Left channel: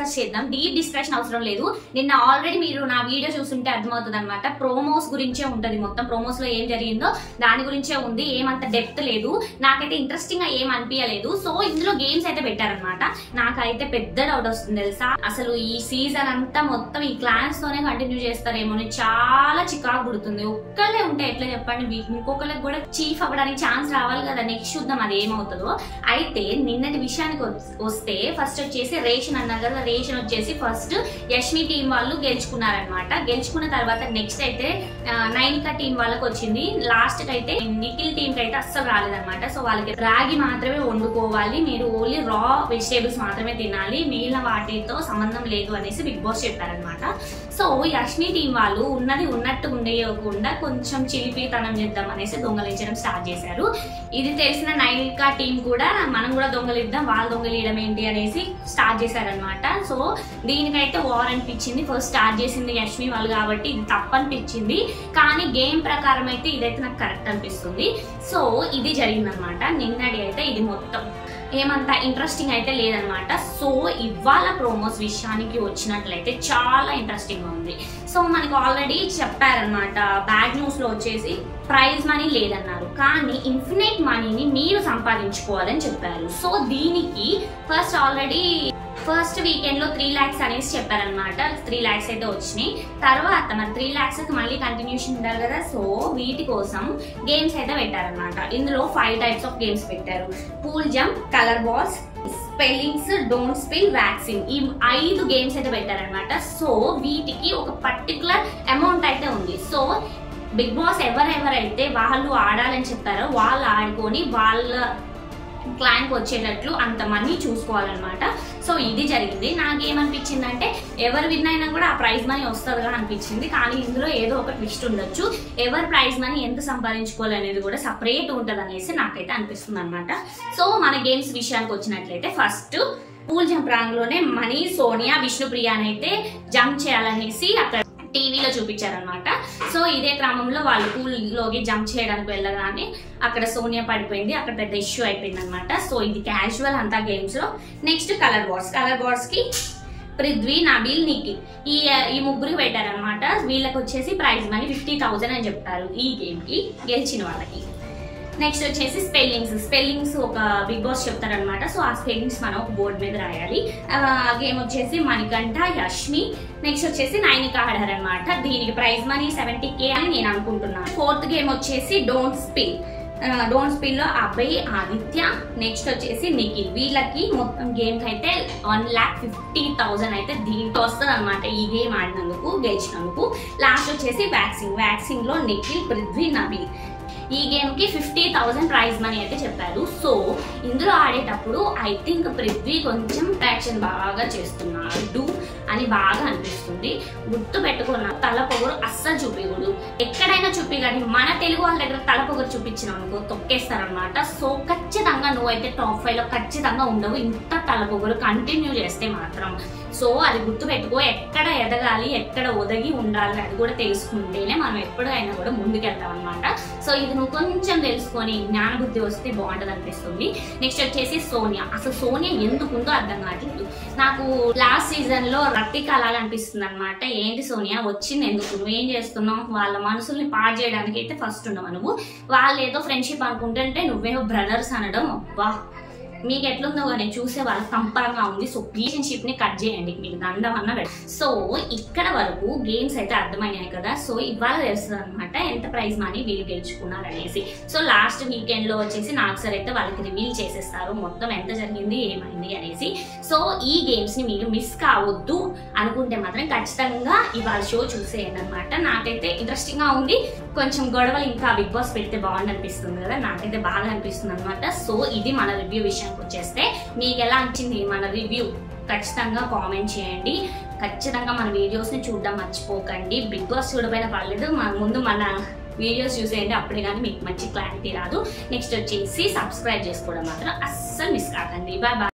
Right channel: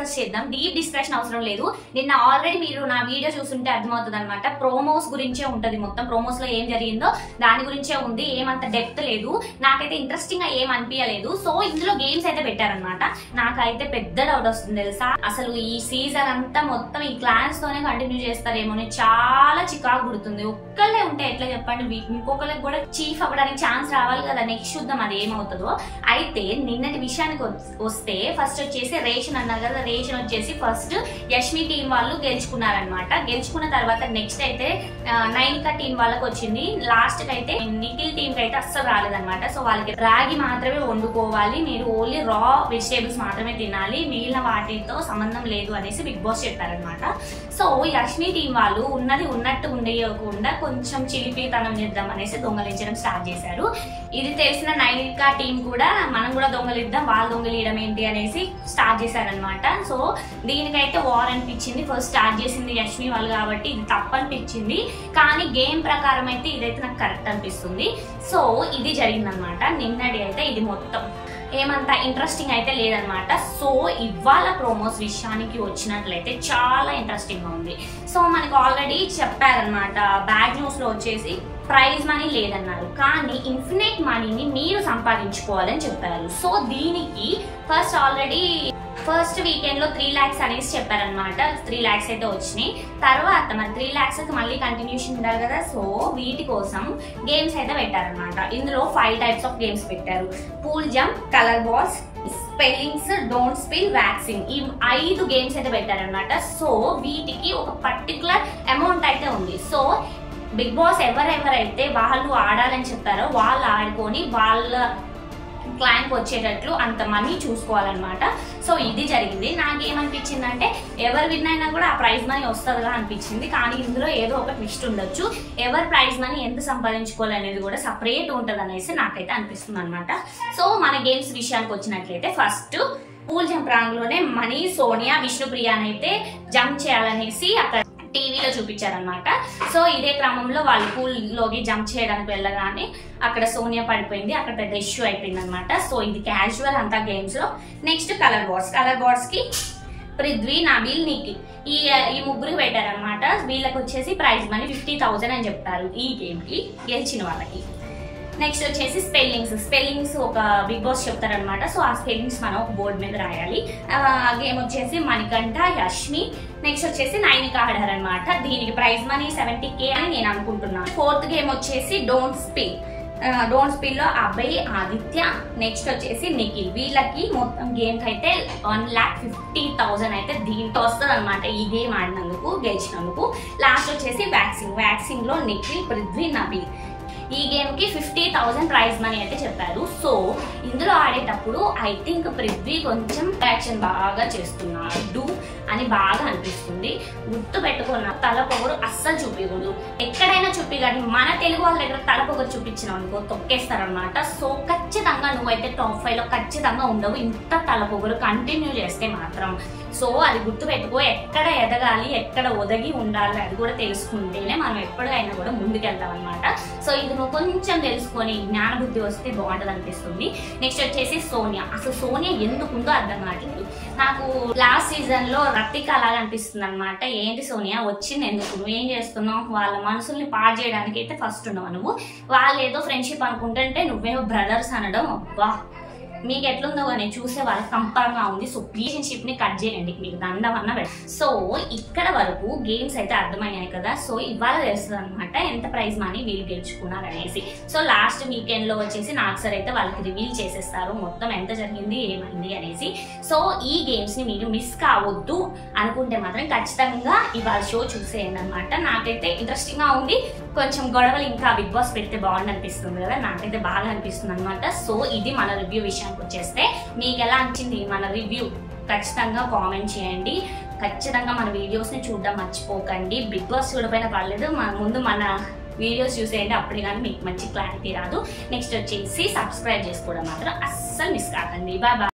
Discuss చేద్దాం. Deep discussion అవసరం లేదు. నిన్న ఆల్రెడీ మీరు నా వీడియో చూస్తుంటే అర్థమవుతుంది అనమాట. ప్రోమోస్ గురించే ఉంటది, మొత్తం ప్రోమోస్ లో ఏం జరిగిందో దాని గురించే ఉంది. ఏమంత డెప్త్ లేదు, నాకైతే ఇంట్రెస్టింగ్ గా ఏం అనిపించలేదు. సో ఇందులో గేమ్స్ అయితే పెట్టారనమాట. నాకైతే పెద్ద డౌట్ వస్తుంది తెలుసా, అసలు ఈ సీజన్ అంతా మొత్తం ఈ క్లాన్స్ తోనే కంటిన్యూ చేస్తారేమో అని చాలా చికాకు పుడుతుంది. ఒక్కళ్ళే ఉంటే ఎట్లా చెప్పండి, ఇంకొకరికి కూడా చీఫ్ అవ్వడానికి ఛాన్స్ రావాలి కదా. నెక్స్ట్ చూద్దాం అది ఏమవుతుందో. అయితే నిన్నటి విషయానికి వస్తే ఫస్ట్ వచ్చేసి రేషన్ అన్నారు కదా, రేషన్ వచ్చేసి ఫస్ట్ యష్మి టీం వాళ్ళు గెలుచుకున్నారనమాట. గెలుచుకున్న తర్వాత నెక్స్ట్ అయితే నైనికా టీం వాళ్ళకి వచ్చింది. లాస్ట్ కి అయితే నిఖిల్ టీం కి అయితే అస్సలు రాలేదనమాట. సో వాళ్ళకి రాగి మాత్రమే వండుకోవాలి, మీరు ఓన్లీ రా వెజిటేబుల్స్ మాత్రమే తినాలి, మిగిలిన వాటితో సంబంధం లేదు అనేసి బిగ్ బాస్ చెప్పారనమాట. సో యష్మి టీం వాళ్ళు ఉన్నది ఉన్నట్టు ఉండేయకుండా కొంచెం చిలిపితనం చేద్దాం అనేసి దొంగలించడం స్టార్ట్ చేశారు. ఇది తెలిసిన నైనికా టీం కూడా మనం కూడా దొంగలిద్దాం, వాళ్ళు దొంగలియడం ఏంటి అనేసి స్టార్ట్ చేశారనమాట. సో దీనికైతే వార్ అనిపించింది. ఫస్ట్ స్టార్ట్ చేసింది యష్మి వాళ్ళు కాబట్టి ఇది తప్పు అనిపించింది, కానీ గేమ్ ప్రకారం అయితే ఇదైతే నాకు కరెక్ట్ అనిపిస్తుంది. సో ఇది జరిగిందనమాట నిన్నటి అయితే. ఇది మొత్తం ఏమంత ఇంట్రెస్టింగ్ అయితే లేదనమాట. సో ఇవాళ ప్రోమోస్ విషయానికి వచ్చినట్లయితే చాలా ఇంట్రెస్టింగ్ గా ఉంది. సో మనకి ఆల్రెడీ చెప్పారనమాట, బ్యాడ్ న్యూస్ లో వచ్చేసి ప్రైజ్ మనీ లేదన్నారు, కానీ ఇన్ఫినిట్ మనీని మీరు సంపాదించుకోవాలని చెప్పారు. సో దీనికి ఫస్ట్ వీకెండ్ లో 3 lakhs అనేసి చెప్పారనమాట. 3 lakhs అయితే వచ్చినాయి. తర్వాత మరి 3 lakhs మళ్ళీ కంటిన్యూషన్ ఉండాలి కదా. సో వీటి కోసం గేమ్స్ అయితే పెట్టారనమాట. ఇందులో 5 types ఆఫ్ గేమ్స్ పెట్టారు. Pool jump, colour balls, spellings, don't spill, waxing, ఈ 5 గేమ్స్ అయితే పెట్టారనమాట. సో వీటికి ఒక పర్టికులర్ అమౌంట్ అయితే ఉంది. సో బిగ్ బాస్ ఎవరైతే వాళ్ళు ఆడాలని చెప్పారో వాళ్ళు ఆడుకొని వాళ్ళ క్లయింట్ వచ్చేటట్లు అంత మనీ చూసుకోవాలన్నమాట. సో ఇది జరిగింది. నాకేమనిపించిందంటే ఎవరు విన్ అయినా కూడా ఆ ప్రైజ్ మనీ వస్తుందిగా అనిపించింది, కానీ ఇందులో ఏదో ఒక ట్విస్ట్ ఉండొచ్చు. ఎవరు ప్రైజ్ మనీ ఎంత సంపాదించుకోవాలి అనేది కూడా సపరేట్ ఉంటుంది అనేసి నాకైతే అనిపిస్తుంది అనమాట. సో మన గేమ్స్ విషయానికి వచ్చినట్లయితే ఫస్ట్ పూల్ జంప్ రాంగ్లోనే మనీ, సోనియా, విష్ణుప్రియానైతే జంప్ చేయాలనేసి అక్కడ టీవీలో చూపించారనమాట. సో ఇదే క్రమంలో వాళ్ళు పూల్లోకి జంప్ చేయడానికి వెళ్ళగానే అక్కడ సోనియా పడిపోయింది. అక్కడ పెద్ద ఇష్యూ అయిపోయింది అనమాట. సో ఇది క్యాజువల్ అంతా గేమ్స్ లో. నెక్స్ట్ కలర్ బార్డ్స్ కి పృథ్వీ, నబీల్, నిఖిల్ ఈ ముగ్గురికి పెట్టారనమాట. వీళ్ళకి వచ్చేసి ప్రైజ్ మనీ 50,000 అని చెప్తారు ఈ గేమ్ కి గెలిచిన వాళ్ళకి. నెక్స్ట్ వచ్చేసి స్పెల్లింగ్స్ ఒక బిగ్ బాస్ చెప్తారనమాట. సో ఆ స్పెల్లింగ్స్ మనం ఒక బోర్డు మీద రాయాలి. ఆ గేమ్ వచ్చేసి మణికంఠ, యష్మి, నెక్స్ట్ వచ్చేసి నైనికా ఆడారనమాట. దీనికి ప్రైజ్ మనీ 70K అని నేను అనుకుంటున్నాను. 4th గేమ్ వచ్చేసి డోంట్ స్పిల్ లో అభయ్, ఆదిత్య, నెక్స్ట్ వచ్చేసి నిఖిల్. వీళ్ళకి మొత్తం గేమ్ అయితే 1,50,000 అయితే దీంట్లో వస్తుంది అనమాట. ఈ గేమ్ ఆడినందుకు, గెలిచినందుకు. లాస్ట్ వచ్చేసి వ్యాక్సింగ్ లో నిఖిల్, పృథ్వీ, నబీల్. ఈ గేమ్ కి 50,000 ప్రైజ్ మనీ అయితే చెప్పారు. సో ఇందులో ఆడేటప్పుడు ఐ థింక్ పృథ్వీ కొంచెం యాక్షన్ బాగా చేస్తున్నాడు అని బాగా అనిపిస్తుంది. గుర్తు పెట్టుకున్న తల పొగరు అస్సలు చూపించకూడదు. ఎక్కడైనా చూపి, కానీ మన తెలుగు వాళ్ళ దగ్గర తల పొగరు చూపించినావు అనుకో తొక్కేస్తారనమాట. సో ఖచ్చితంగా నువ్వైతే టాప్ 5 లో ఖచ్చితంగా ఉండవు, ఇంత తల పొగరు కంటిన్యూ చేస్తే మాత్రం. సో అది గుర్తు పెట్టుకో. ఎక్కడ ఎదగాలి, ఎక్కడ ఒదగి ఉండాలి అది కూడా తెలుసుకుంటేనే మనం ఎప్పటికైనా కూడా ముందుకెళ్తాం అనమాట. సో ఇది నువ్వు కొంచెం తెలుసుకొని జ్ఞాన బుద్ధి వస్తే బాగుంటుంది అనిపిస్తుంది. నెక్స్ట్ వచ్చేసి సోనియా. అసలు సోనియా ఎందుకుందో అర్థం కావట్లేదు నాకు. లాస్ట్ సీజన్ లో రతిక అలాగా అనిపిస్తుంది అనమాట. ఏంటి సోనియా వచ్చింది ఎందుకు, నువ్వేం చేస్తున్నావు, వాళ్ళ మనసుల్ని పాడు చేయడానికి అయితే ఫస్ట్ ఉన్నావు నువ్వు. వాళ్ళు ఏదో ఫ్రెండ్షిప్ అనుకుంటుంటే నువ్వేమో బ్రదర్స్ అనడం, అబ్బా మీకు ఎట్లుందో కానీ చూసే వాళ్ళకి కంపరంగా ఉంది. సో రిలేషన్షిప్ ని కట్ చేయండి, మీకు దండం అన్న. సో ఇక్కడ వరకు గేమ్స్ అయితే అర్థమయ్యాయి కదా. సో ఇవాళ తెలుస్తుంది అనమాట ఎంత ప్రైజ్ మనీ వీళ్ళు గెలుచుకున్నారు అనేసి. సో లాస్ట్ వీకెండ్ లో వచ్చేసి నాకు సార్ అయితే వాళ్ళకి రివీల్ చేసేస్తారు మొత్తం ఎంత జరిగింది ఏమైంది అనేసి. సో ఈ గేమ్స్ ని మీరు మిస్ కావద్దు అనుకుంటే మాత్రం ఖచ్చితంగా ఇవాళ షో చూసేయండి అనమాట. నాకైతే ఇంట్రెస్టింగ్ గా ఉంది. కొంచెం గొడవలు ఇంకా బిగ్ బాస్ పెడితే బాగుంది అనిపిస్తుంది కదా, నాకైతే బాగా అనిపిస్తుంది అనమాట. సో ఇది మన రివ్యూ విషయానికి వచ్చేస్తే మీకు ఎలా అనిపించింది మన రివ్యూ ఖచ్చితంగా కామెంట్ చేయండి. ఖచ్చితంగా మన వీడియోస్ ని చూడడం మర్చిపోకండి. బిగ్ బాస్ చూడకపోయినా పర్లేదు, ముందు మన వీడియోస్ చూసేయండి, అప్పుడే కానీ మీకు మంచి క్లారిటీ రాదు. నెక్స్ట్ వచ్చేసి సబ్స్క్రైబ్ చేసుకోవడం మాత్రం అస్సలు మిస్ కాకండి. Bye bye.